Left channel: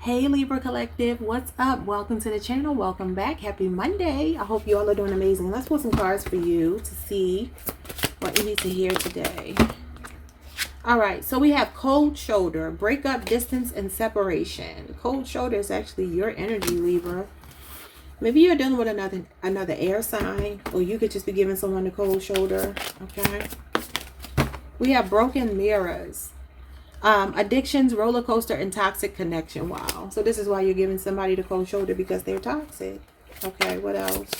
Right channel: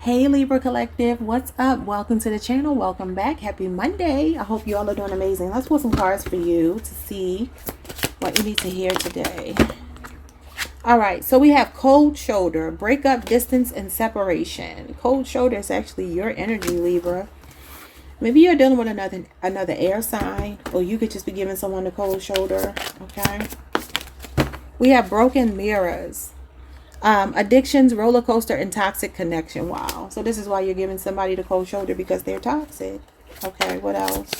Hey Libra Collective, what's up? Welcome to the channel. Welcome back. Happy Monday. I hope you all are doing amazing. Let's pull some cards for you to see what you need to hear today. All right, so we have cold shoulder, breakup, distance, and separation. Cold shoulder is actually your energy, Libra. Maybe you're dealing with another air sign, or you could just be giving someone the cold shoulder. Okay. We have broken mirrors. Addictions, roller coaster, and toxic connection. Wow. So this is why you're giving somebody the cold shoulder, because they're toxic. Okay, what else?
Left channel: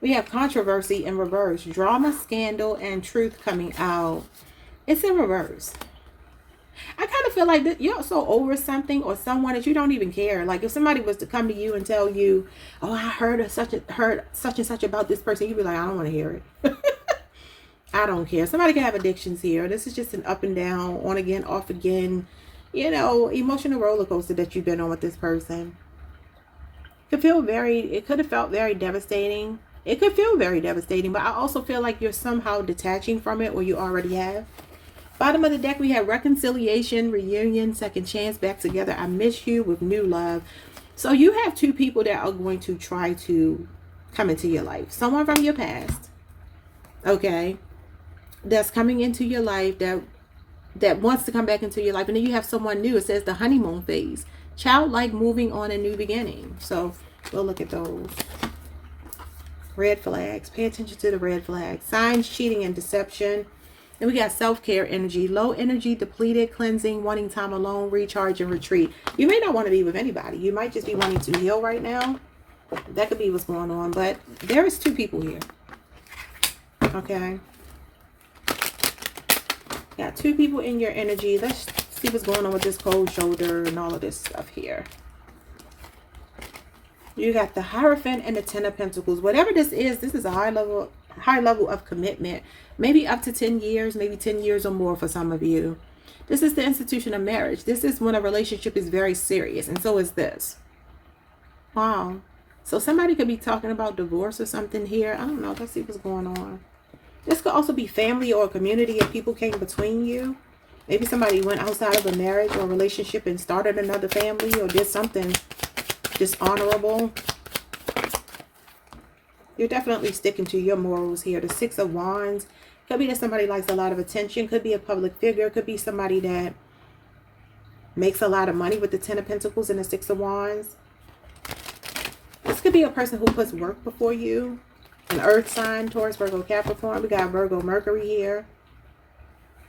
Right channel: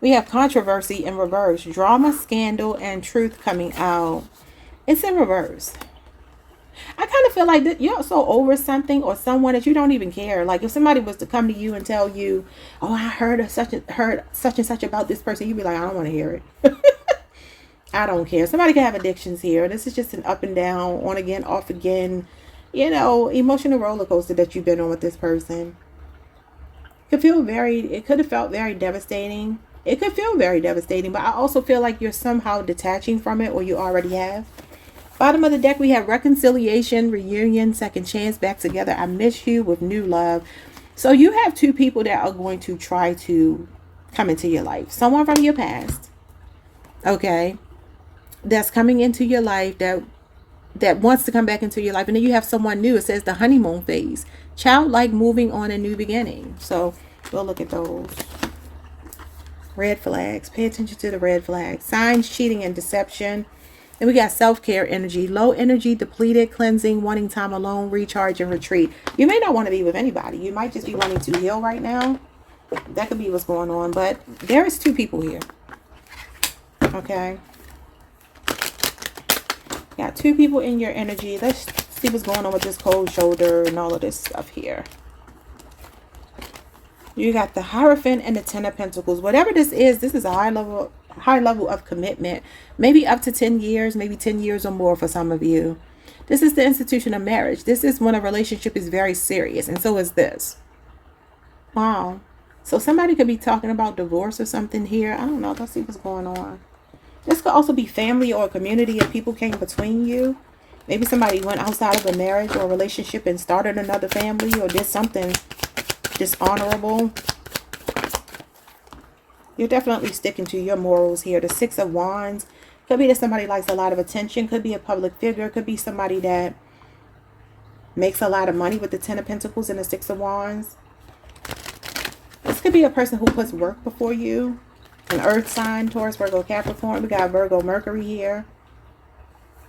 We have controversy in reverse. Drama, scandal, and truth coming out. It's in reverse. I kind of feel like you're so over something or someone that you don't even care. Like if somebody was to come to you and tell you, "Oh, I heard such and such about this person," you'd be like, "I don't want to hear it." I don't care. Somebody can have addictions here. This is just an up and down, on again, off again, emotional roller coaster that you've been on with this person. It could have felt very devastating. It could feel very devastating, but I also feel like you're somehow detaching from it, or you already have. Bottom of the deck, we have reconciliation, reunion, second chance, back together. I miss you with new love. So you have two people that are going to try to come into your life. Someone from your past. Okay. That's coming into your life that wants to come back into your life. And then you have someone new. It says the honeymoon phase. Childlike, moving on, a new beginning. So we'll look at those. Red flags. Pay attention to the red flags. Signs, cheating, and deception. Then we got self-care energy. Low energy, depleted, cleansing, wanting time alone, recharge, and retreat. You may not want to be with anybody. You might just be wanting to heal right now. That could be what's going on. But there is two people here. Okay. Got two people in your energy. Let's see what's going on with this cold shoulder and all of this stuff here. You got the Hierophant and the Ten of Pentacles. Whatever this is a high level of commitment. Maybe up to 10 years, maybe 10 years or more for some of you. This is the institution of marriage. This is when a relationship is very serious, and so is this. Wow. So somebody could be talking about divorce or something here. I don't know. Let's see what's going on. This could also be family or a community of people came between you. Maybe somebody went outside of a marriage or a relationship and started another family or did something dishonorable. You're definitely sticking to your morals here. The Six of Wands. Could be that somebody likes a lot of attention. Could be a public figure. Could be somebody that makes a lot of money with the Ten of Pentacles and the Six of Wands. This could be a person who puts work before you. An earth sign, Taurus, Virgo, Capricorn. We got Virgo, Mercury here.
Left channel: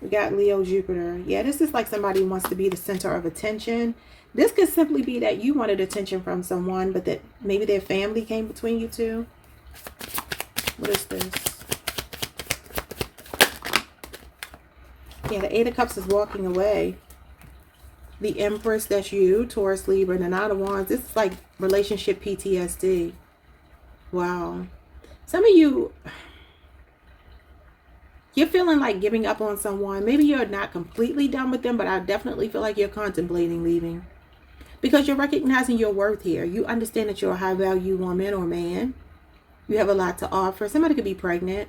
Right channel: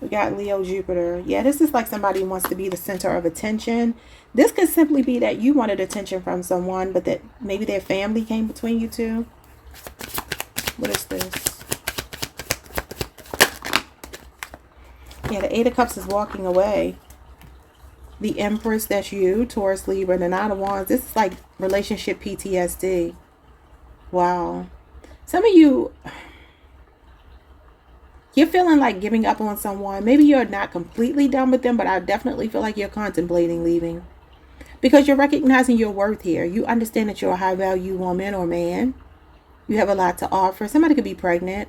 We got Leo, Jupiter. Yeah, this is like somebody who wants to be the center of attention. This could simply be that you wanted attention from someone, but that maybe their family came between you two. What is this? Yeah, the Eight of Cups is walking away. The Empress, that's you, Taurus, Libra. The Nine of Wands, this is like relationship PTSD. Wow. Some of you, you're feeling like giving up on someone. Maybe you're not completely done with them, but I definitely feel like you're contemplating leaving. Because you're recognizing your worth here. You understand that you're a high value woman or man. You have a lot to offer. Somebody could be pregnant.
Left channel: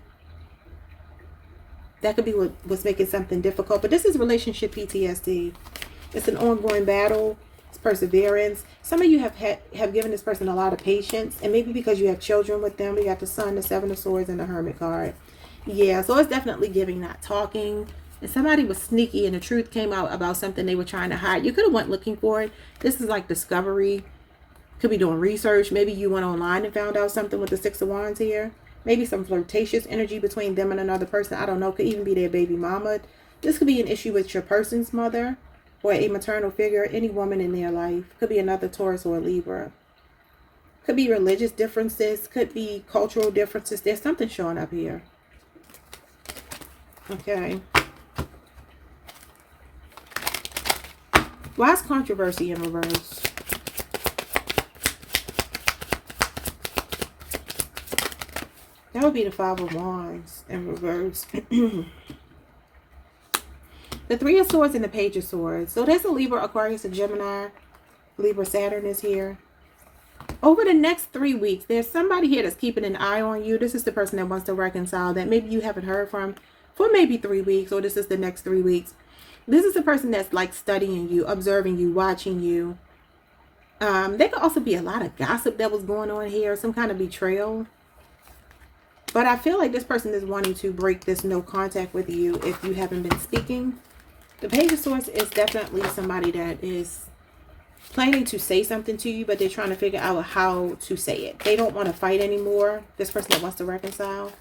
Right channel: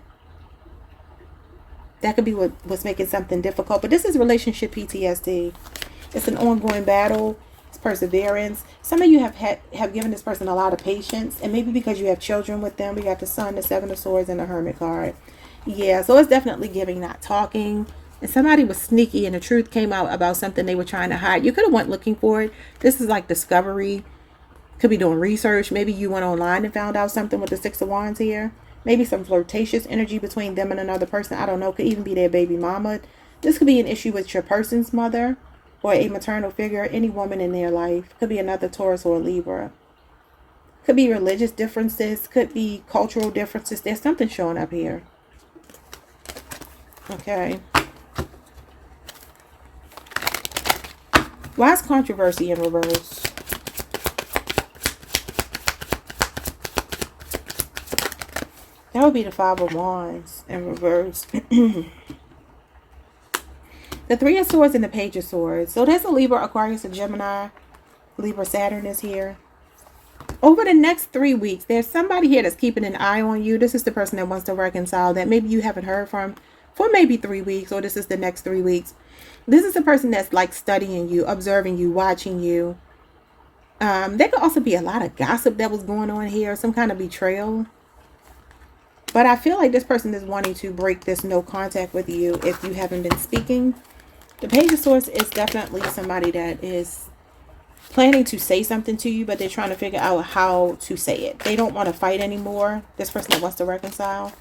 That could be what's making something difficult. But this is relationship PTSD. It's an ongoing battle. Perseverance. Some of you have given this person a lot of patience, and maybe because you have children with them. We got the Sun, the Seven of Swords, and the Hermit card. Yeah, so it's definitely giving, not talking. And somebody was sneaky and the truth came out about something they were trying to hide. You could have went looking for it. This is like discovery. Could be doing research. Maybe you went online and found out something with the Six of Wands here. Maybe some flirtatious energy between them and another person. I don't know. Could even be their baby mama. This could be an issue with your person's mother, or a maternal figure, any woman in their life. Could be another Taurus or Libra. Could be religious differences. Could be cultural differences. There's something showing up here. Okay. Why is controversy in reverse? That would be the Five of Wands in reverse. The Three of Swords and the Page of Swords. So there's a Libra, Aquarius, and Gemini. Libra, Saturn is here. Over the next 3 weeks, there's somebody here that's keeping an eye on you. This is the person that wants to reconcile that maybe you haven't heard from for maybe 3 weeks, or this is the next 3 weeks. This is a person that's like studying you, observing you, watching you. There could also be a lot of gossip that was going on here, some kind of betrayal. But I feel like this person is wanting to break this no contact with you if you haven't been speaking. The Page of Swords is definitely somebody that is planning to say something to you, but they're trying to figure out how to say it. They don't want to fight anymore. This person that wants to reconcile.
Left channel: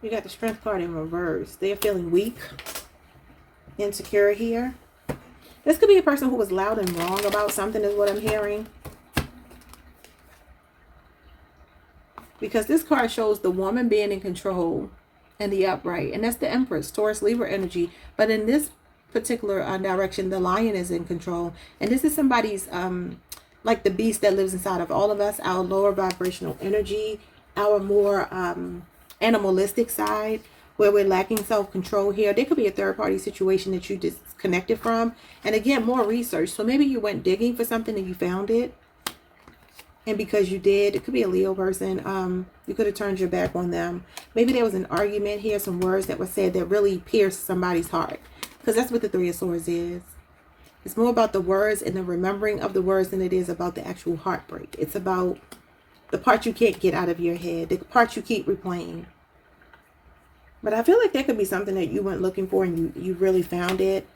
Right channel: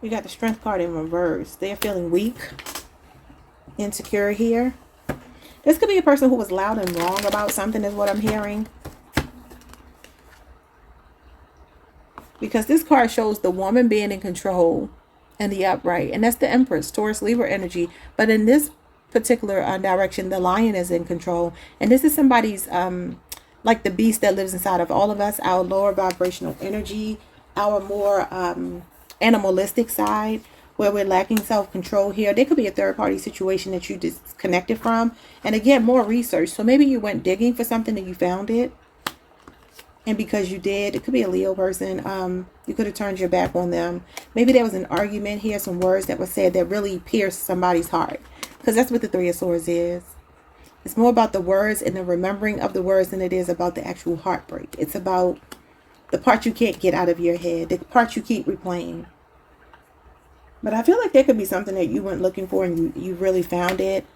You got the Strength card in reverse. They're feeling weak, insecure here. This could be a person who was loud and wrong about something is what I'm hearing. Because this card shows the woman being in control and the upright. And that's the Empress, Taurus, Libra energy. But in this particular direction, the Lion is in control. And this is somebody's, like the beast that lives inside of all of us, our lower vibrational energy, our more animalistic side, where we're lacking self-control here. There could be a third-party situation that you disconnected from. And again, more research. So maybe you went digging for something and you found it. And because you did, it could be a Leo person. You could have turned your back on them. Maybe there was an argument here, some words that were said that really pierced somebody's heart. Because that's what the Three of Swords is. It's more about the words and the remembering of the words than it is about the actual heartbreak. It's about the part you can't get out of your head, the part you keep replaying. But I feel like there could be something that you went looking for and you really found it.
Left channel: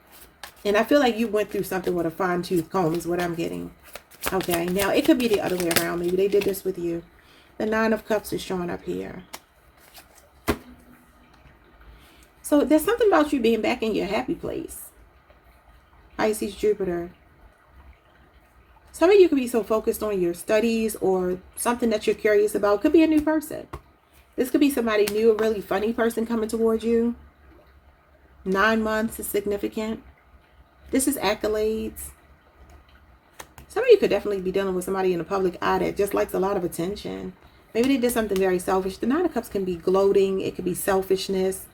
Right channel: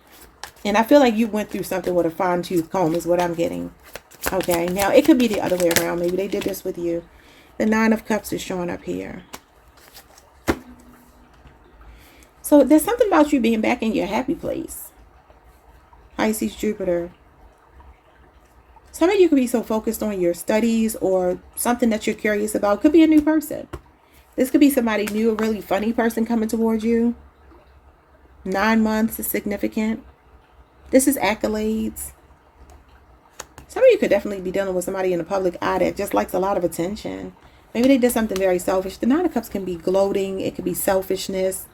And I feel like you went through something with a fine-tooth comb is what I'm getting. Okay, now it could be the other way around. Maybe they did this with you. The Nine of Cups is showing up here. So there's something about you being back in your happy place. Pisces, Jupiter. Some of you could be so focused on your studies or something that you're curious about. Could be a new person. This could be somebody new, a really funny person coming towards you. 9 months is significant. This is accolades. Some of you could definitely be dealing with somebody in the public eye that just likes a lot of attention. Maybe they did something very selfish. The Nine of Cups can be gloating. It could be selfishness.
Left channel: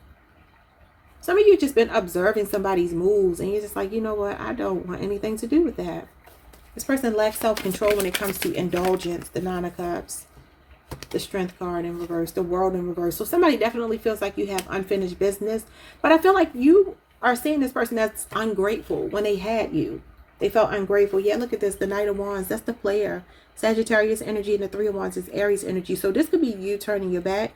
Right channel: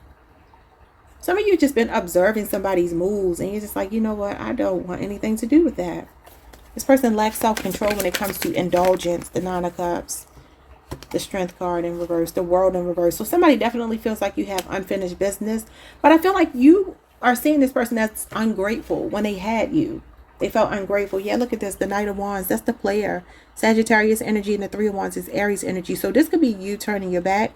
Some of you just been observing somebody's moves and you're just like, you know what? I don't want anything to do with that. This person lacks self-control when it comes to indulgence. The Nine of Cups. The Strength card in reverse, the World in reverse. So somebody definitely feels like you have unfinished business. But I feel like you are seeing this person that's ungrateful when they had you. They felt ungrateful. Yeah, look at this. The Knight of Wands. That's the player. Sagittarius energy and the Three of Wands is Aries energy. So this could be you turning your back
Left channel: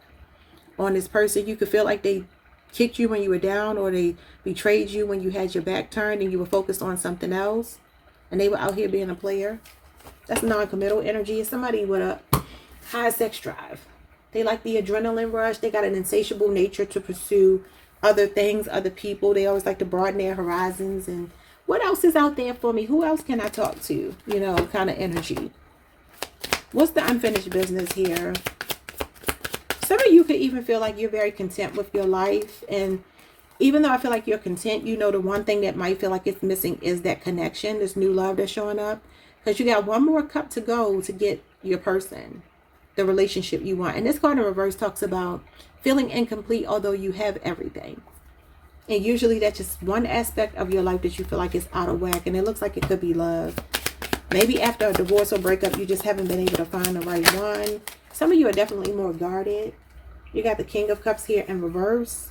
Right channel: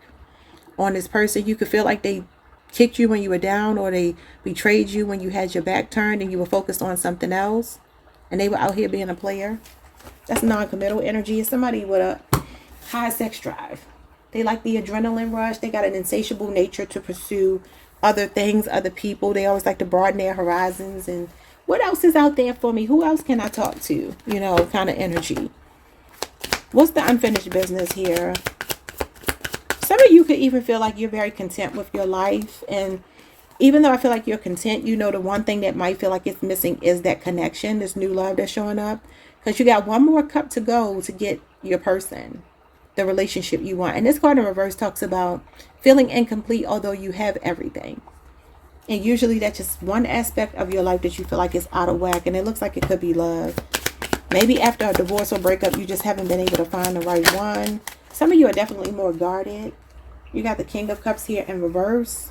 on this person. You could feel like they kicked you when you were down or they betrayed you when you had your back turned and you were focused on something else. And they were out here being a player. That's non-committal energy. It's somebody with a high sex drive. They like the adrenaline rush. They got an insatiable nature to pursue other things, other people. They always like to broaden their horizons. And what else is out there for me? Who else can I talk to? You know, kind of energy. What's the unfinished business here? Some of you could even feel like you're very content with your life. And even though I feel like you're content, you know, the one thing that might feel like it's missing is that connection, this new love that's showing up. Because you got one more cup to go to get your person, the relationship you want. And this card in reverse talks about feeling incomplete although you have everything. And usually that's just one aspect of your life that you feel like is out of whack. And it looks like it could be love. Maybe after a divorce or breakup, you just haven't been able to find the right one. Some of you are definitely more guarded. You got the King of Cups here in reverse.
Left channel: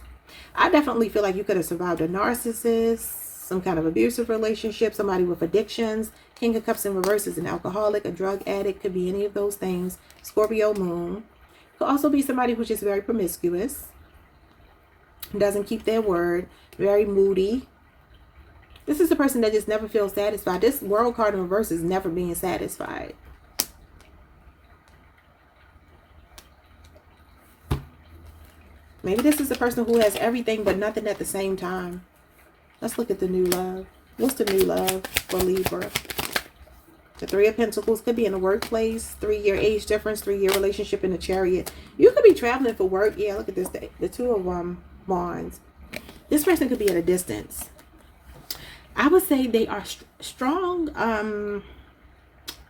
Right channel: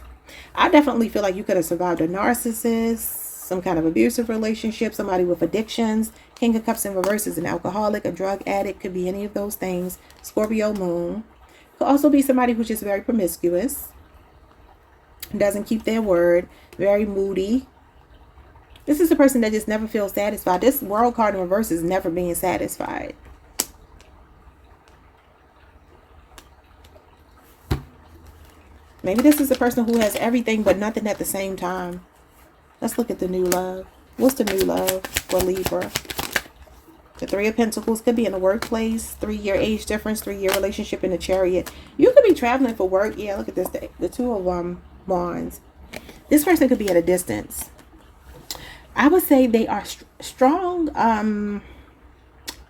I definitely feel like you could have survived a narcissist, some kind of abusive relationship, somebody with addictions. King of Cups in reverse is an alcoholic, a drug addict, could be any of those things. Scorpio moon. Could also be somebody who's just very promiscuous, doesn't keep their word, very moody. This is a person that just never feels satisfied. This World card in reverse is never being satisfied. Maybe this is a person who has everything but nothing at the same time. Let's look at the new love. What's the new love for Libra? The Three of Pentacles could be in the workplace. 3-year age difference, 3-year relationship in the Chariot. You could be traveling for work. Yeah, look at this. The Two of Wands. This person could be at a distance. I would say they are strong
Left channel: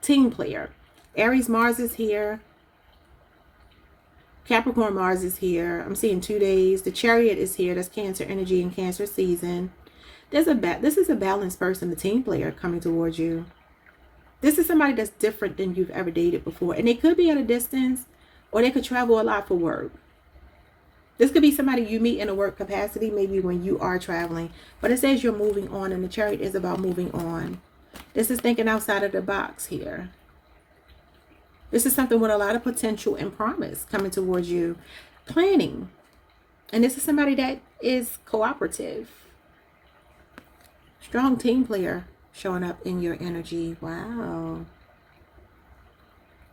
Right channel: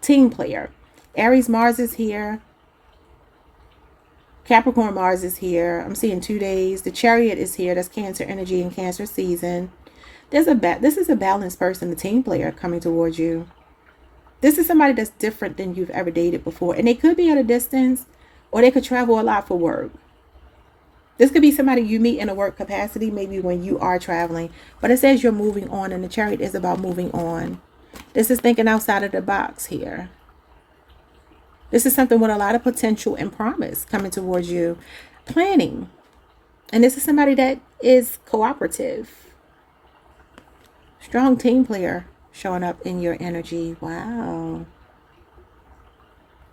team player. Aries Mars is here. Capricorn Mars is here. I'm seeing 2 days. The Chariot is here. That's Cancer energy and Cancer season. This is a balanced person, a team player coming towards you. This is somebody that's different than you've ever dated before. And they could be at a distance or they could travel a lot for work. This could be somebody you meet in a work capacity, maybe when you are traveling. But it says you're moving on, and the Chariot is about moving on. This is thinking outside of the box here. This is something with a lot of potential and promise coming towards you. Planning. And this is somebody that is cooperative. Strong team player showing up in your energy. Wow.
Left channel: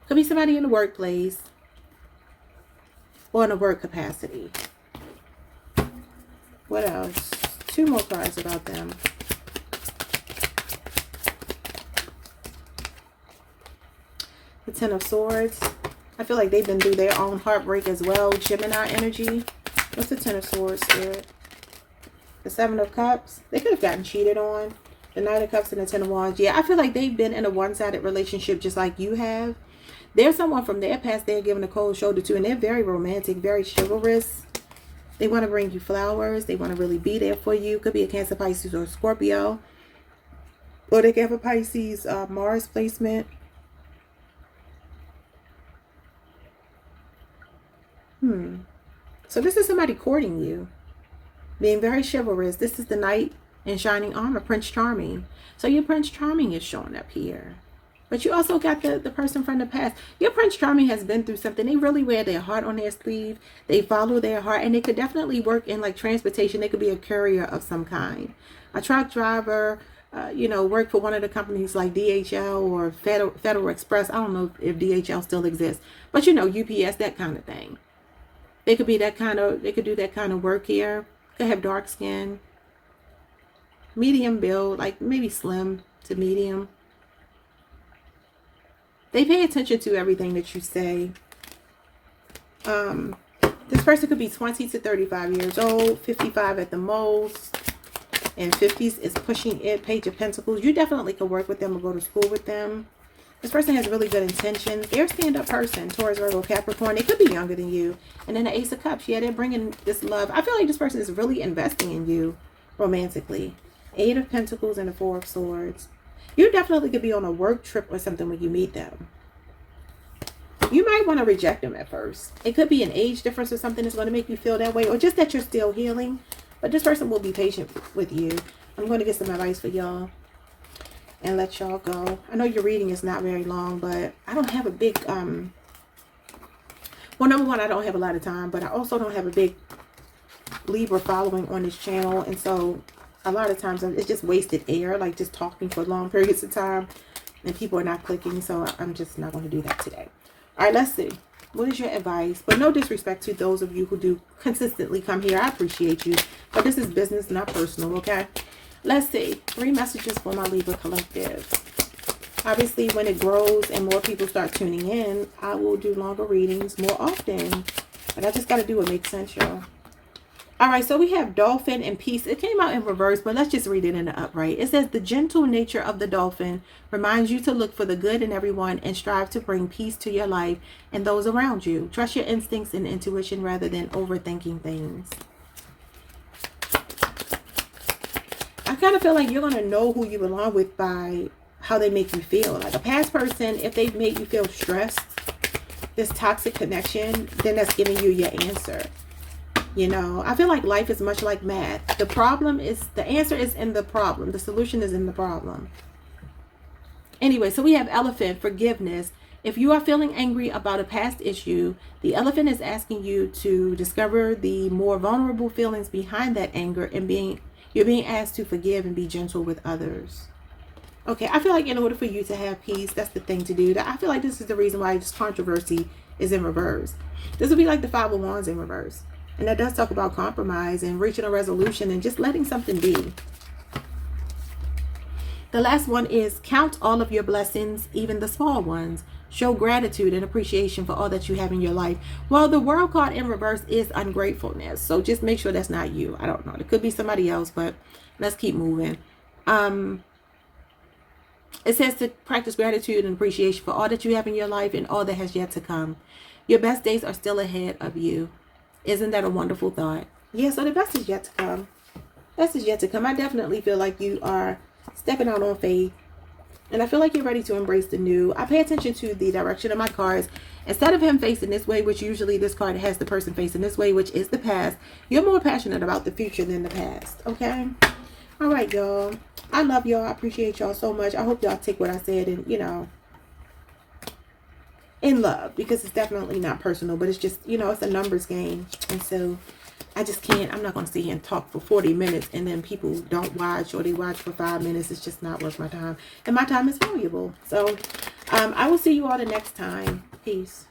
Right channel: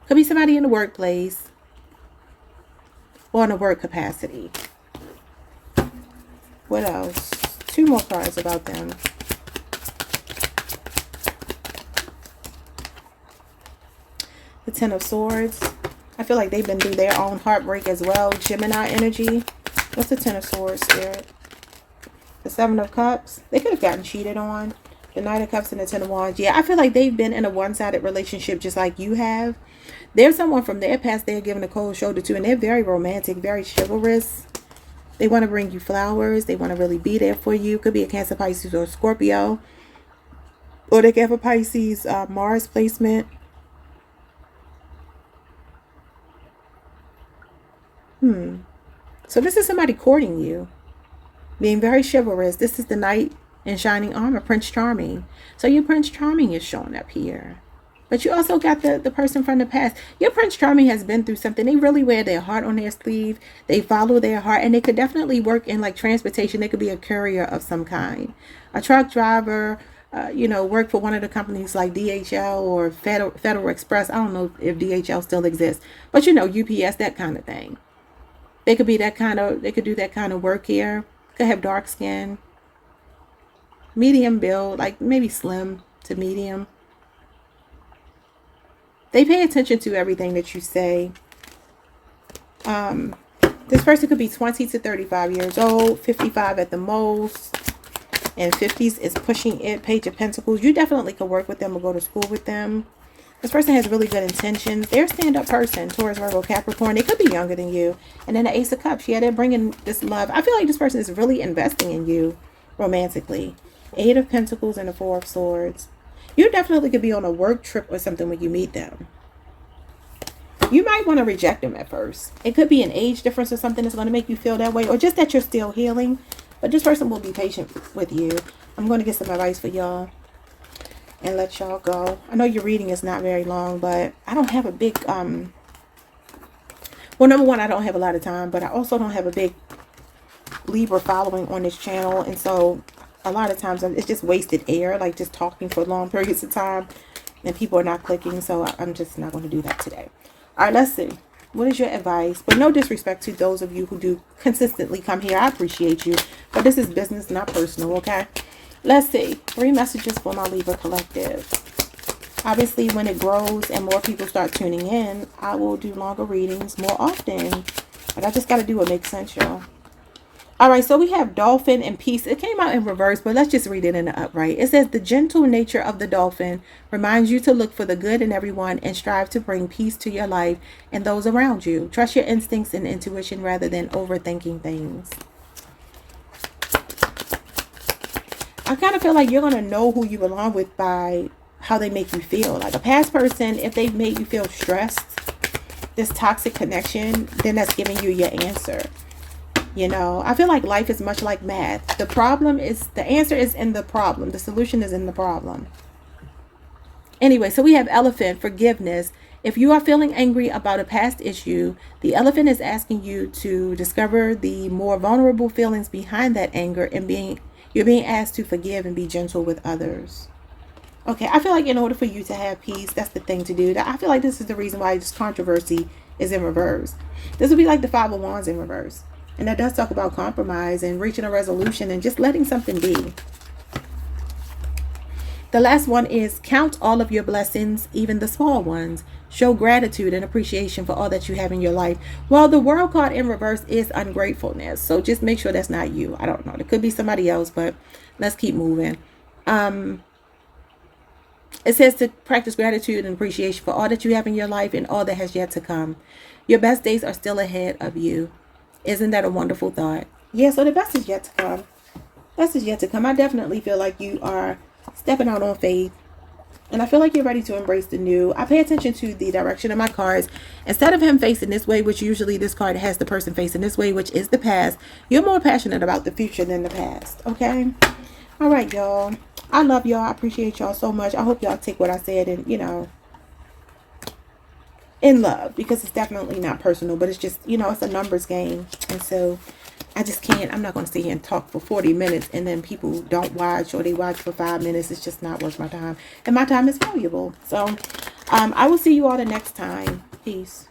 Could be somebody in the workplace or in a work capacity. What else? 2 more cards about them. The Ten of Swords. I feel like they've been through their own heartbreak as well. Gemini energy. What's the Ten of Swords, Spirit? The Seven of Cups. They could have gotten cheated on. The Knight of Cups and the Ten of Wands. Yeah, I feel like they've been in a one-sided relationship just like you have. There's someone from their past they're giving a cold shoulder to, and they're very romantic, very chivalrous. They want to bring you flowers. They want to really be there for you. Could be a Cancer, Pisces, or Scorpio. Or they could have a Pisces Mars placement. So this is somebody courting you, being very chivalrous. This is the Knight in shining armor, Prince Charming. So your Prince Charming is showing up here. But you also got the person from the past. Your Prince Charming has been through something. They really wear their heart on their sleeve. They follow their heart. And they could definitely work in like transportation. They could be a courier of some kind. A truck driver, work for one of the companies like DHL or Federal Express. I don't know if DHL still exists. But UPS, that kind of thing. They could be they could do that kind of work here. Could have dark skin. Medium build, like maybe slim to medium. They pay attention to everything that you say. This person could be 20 to 35 years old, 55 at the most, and 50s is pushing it. Page of Pentacles. You definitely could work with them or go to school with them. This person has really good intentions. They're a stand-up person. Taurus, Virgo, Capricorn. They could be younger than you. And then the Ace of Cups. Yeah, they're bringing this love. I feel like this person is really investing in you romantically. 8 of Pentacles and the 4 of Swords. You definitely could be on a work trip or something when you meet them. You might want to reject them at first. It could be an age difference or something that's going to make you feel that way. Or just that you're still healing. But this person will be patient with you. I'm going to get some advice for y'all. And let y'all go. I know your reading is not very long, but I don't have a big, well, number one, I don't have a lot of time, but I also don't have a big Libra following on this channel. And so a lot of times it's just wasted air, like just talking for long periods of time and people are not clicking. So I'm just not going to do that today. All right, let's see. What is your advice? But no disrespect to those of you who do consistently come here. I appreciate you, but this is business, not personal. Okay. Let's see. 3 messages for my Libra collective. Obviously, when it grows and more people start tuning in, I will do longer readings more often. But I just got to do what makes sense, y'all. All right, so we have Dolphin and Peace. It came out in reverse, but let's just read it in the upright. It says, the gentle nature of the dolphin reminds you to look for the good in everyone and strive to bring peace to your life and those around you. Trust your instincts and intuition rather than overthinking things. I kind of feel like you're going to know who you belong with by how they make you feel. Like a past person, if they've made you feel stressed, this toxic connection, then that's giving you your answer. I feel like life is much like math. The answer is in the problem. The solution is in the problem. Anyway, so we have Elephant, forgiveness. If you are feeling angry about a past issue, the Elephant is asking you to discover the more vulnerable feelings behind that anger and you're being asked to forgive and be gentle with others. Okay, I feel like in order for you to have peace, that's the thing to do. I feel like this is the reason why this controversy is in reverse. This would be like the 5 of Wands in reverse. And that does talk about compromise and reaching a resolution and just letting something be. The last one is count all of your blessings, even the small ones. Show gratitude and appreciation for all that you have in your life. Well, the World card in reverse is ungratefulness. So just make sure that's not you. I don't know. It could be somebody else, but let's keep moving. It says to practice gratitude and appreciation for all that you have in your life and all that has yet to come. Your best days are still ahead of you. Isn't that a wonderful thought? Yeah, so the best is yet to come. Best is yet to come. I definitely feel like you are stepping out on faith. And I feel like you're ready to embrace the new. I pay attention to the direction of my cards. Instead of him facing this way, which usually this card has the person facing this way, which is the past, you're more passionate about the future than the past. Okay? All right, y'all. I love y'all. I appreciate y'all so much. I hope y'all take what I said and, you know, in love, because it's definitely not personal, but it's just, you know, it's a numbers game. And so I just can't, I'm not going to sit here and talk for 40 minutes and then people don't watch, or they watch for 5 minutes. It's just not worth my time. And my time is valuable. So I will see you all the next time. Peace.